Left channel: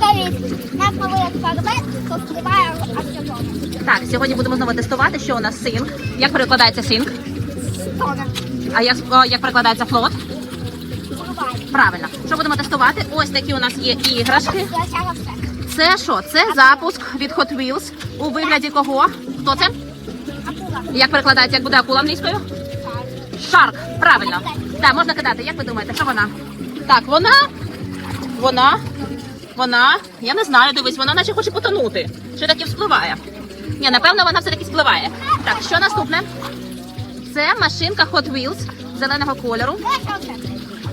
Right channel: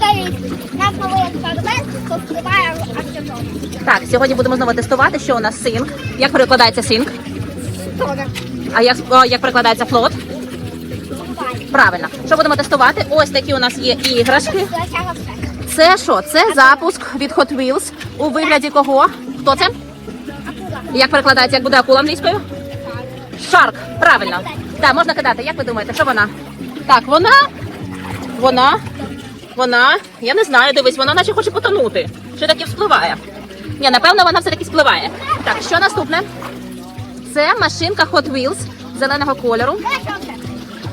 привіт! Наш новий експеримент розкриває аксіони. Так, сьогодні будемо знову тестувати, що у нас синк. Як перекладається синк? Тоне. А як, о, як перекладається флот? Буває. Правильно. Що будемо тестувати? Ось такі у нас є іграшки. Все. Це що? Це запуск від Hot Wheels у вигляді кого? Хто це? Акула. Як перекладається, як буде акула англійською? Шарк. Правильно. Так, можна кидати. Як ви думаєте, що вона? Так, вона. Вона. Вона. Я не знаю, дивись, вона наче хоче потонути. Чи таки вспливає? Ні, напевно, вона все-таки спливає. Так, що наступне? Це машинка Hot Wheels зеленого кольору.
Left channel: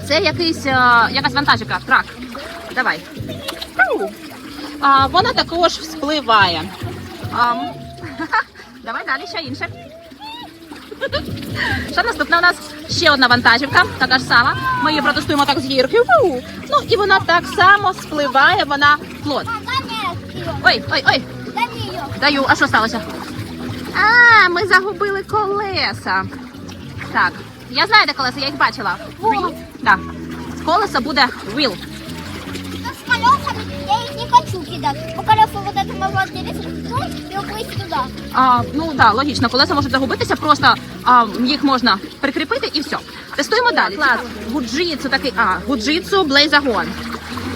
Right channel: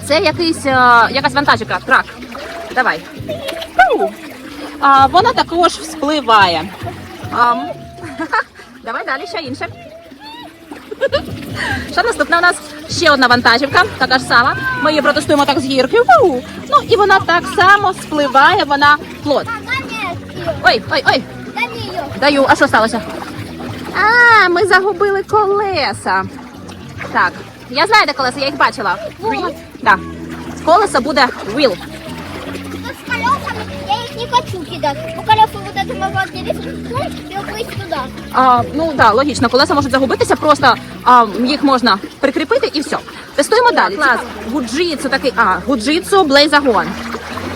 Це якийсь, е, якась вантажівка, трак. Давай. А, вона також вспливає. Ам. Давай далі, ще інше. Що наступна у нас ще одна вантажівка, така сама. Ми її протестуємо так з гірки. Ну і вона так само спливає, вона плод. Ой, ой, ой, даю. А що сталося? А, ми загубили колеса. Так, я знаю, де колеса, я їх бачила. Так. З колеса буде wheel. С колесами я не хочу кидать. Бо колеса вот это могу отделить и упасть туда. А, ну так, да, логічно, колеса можуть загубитися, просто а, їх можна прикріпити і все. Тестуємо далі. Клас. Гуджитсу такий. А, гуджитсу блейзагон.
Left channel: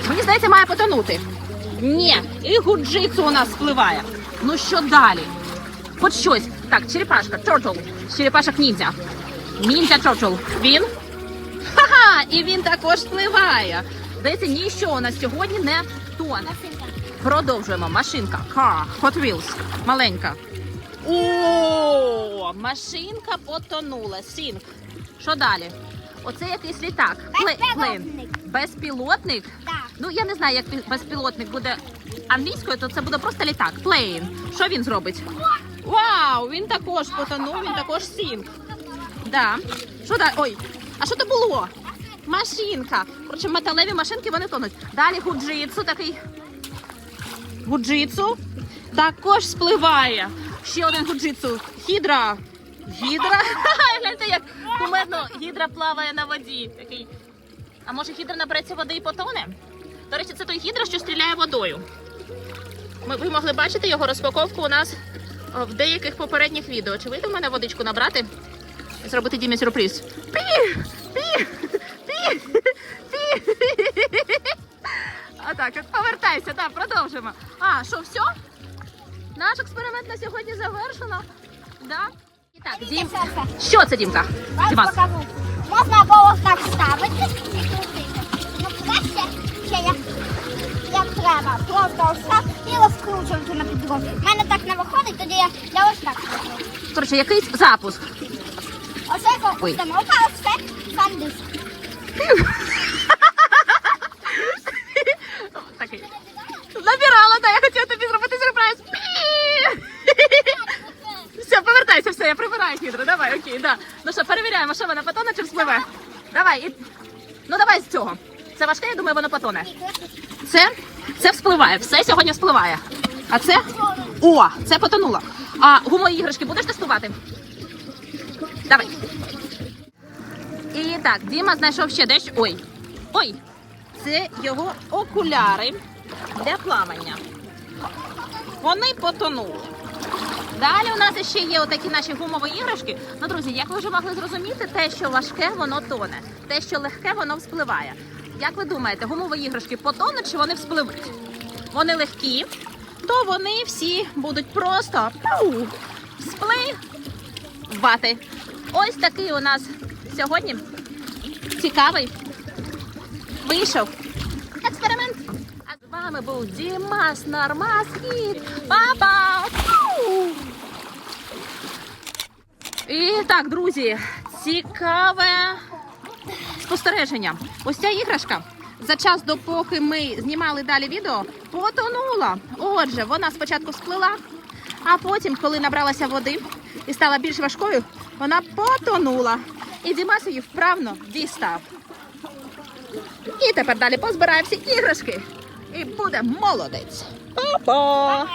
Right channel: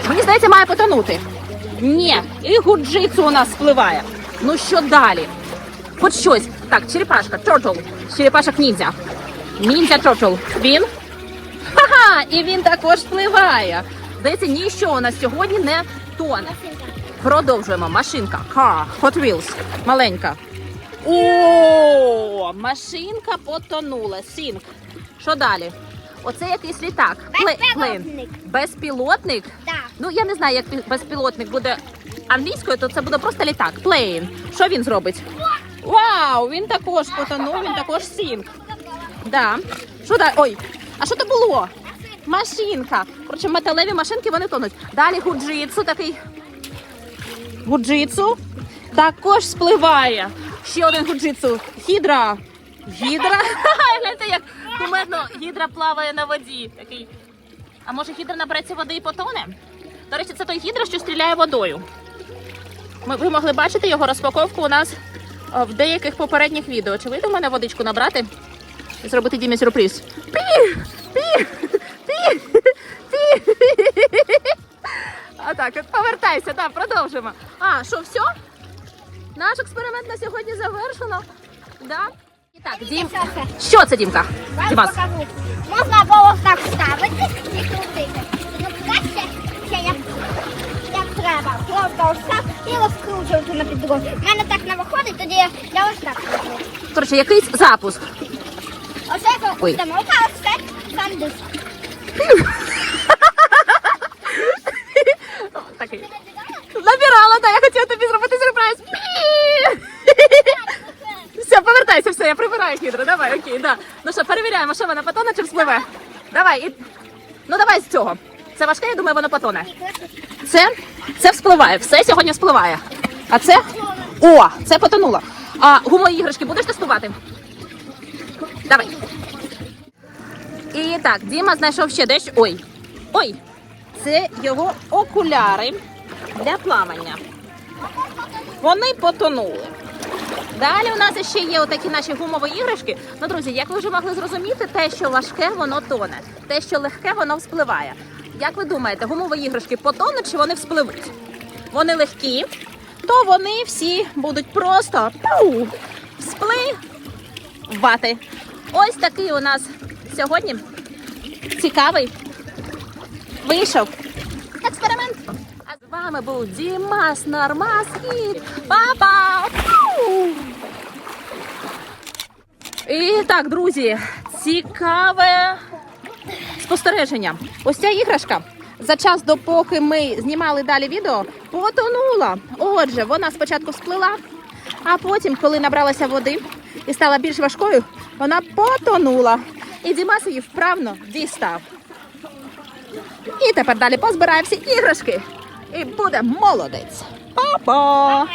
Мені здається, має потонути. Ні, і гуджитсу у нас спливає. Ну що далі? Хоч щось. Так, черепашка, чорчл. Черепашок ніндзя. Ніндзя чорчл. Він. Ха-ха! І він також спливає. Здається, ніщо у нас сьогодні не тоне. Продовжуємо. Машинка. Car. Hot Wheels. Маленька. О, машинка потонула. Сінк. Що далі? Оце якийсь літак. Безпілотник. Безпілотник? Да. Ну, я не знаю, як безпілотник буде англійською, то це буде просто літак. Плейн. Що він зробить? Вау! Він також потонув, він також сінк. Да. Що далі? Ой, а що це було? Машинка. Коротше, металеві машинки вони тонуть. Далі гуджитсу такий. Гуджитсу також спливає. Ще один гуджитсу. Гідра. Гідра. Гляньте, як кумедно гідра плаває на воді. Такий. А може гідра набереться води і потоне? До речі, це той гідра, що стріляє водою. Ми, ви могли бачити його розпаковку у нас о, в деяких попередніх відео. Чи вийде в мене водичку набрати і зробити Дімі сюрприз? Пі! Пі! А так, от повертайся, так, продовжимо. А, що, все? Наш експеримент на сьогодні завершено. Да? І так, Дім. Що це, Дімка? Покажу. Можна було так ставити і крутити. Ще як, як треба. Просто ось так і розкручувати на підлогу. У мене так не виходить, тоді я, я ось так роблю. Коротше, якийсь запуск. Оце Ой. установка, ось це сам диск. Набирала, так, я хотіла тобі зробити сюрприз. Все, повертайся, все, я прибираю хідро. Давай, окей, да. Ну що, перевіряємо, що вона потоне чи вспливе. Давай, і... ну давай з цього. Це важке, я думаю, воно потоне. Це, це вспливає, все сьогодні вспливає. А це? О, це потонуло. А гумові іграшки будеш тестувати? Давай. І так, Діма знайшов ще дещо. Ой. Ой. Це його окуляри для плавання. Вони потонули. Далі у нас ще є отакі наші гумові іграшки. Ну, друзі, як ви вже могли зрозуміти, те, що важке, воно тоне, те, що легке, воно вспливає. Як ви думаєте, гумові іграшки потонуть чи вони вспливуть? Вони легкі, то вони всі будуть просто пау, вспливати. Ось такий у нас сьогодні цікавий вийшов експеримент. А з вами був Дімас Нормас і Папа. І так, друзі, цікаве спостереження. Ось ця іграшка. За час, допоки ми знімали далі відео, потонула. Отже, вона спочатку сплила, а потім, коли набралася води і стала більш важкою, вона потонула. І Дімас її вправно дістав. І тепер далі позбираємо всі іграшки. І буде молодець. Па-па!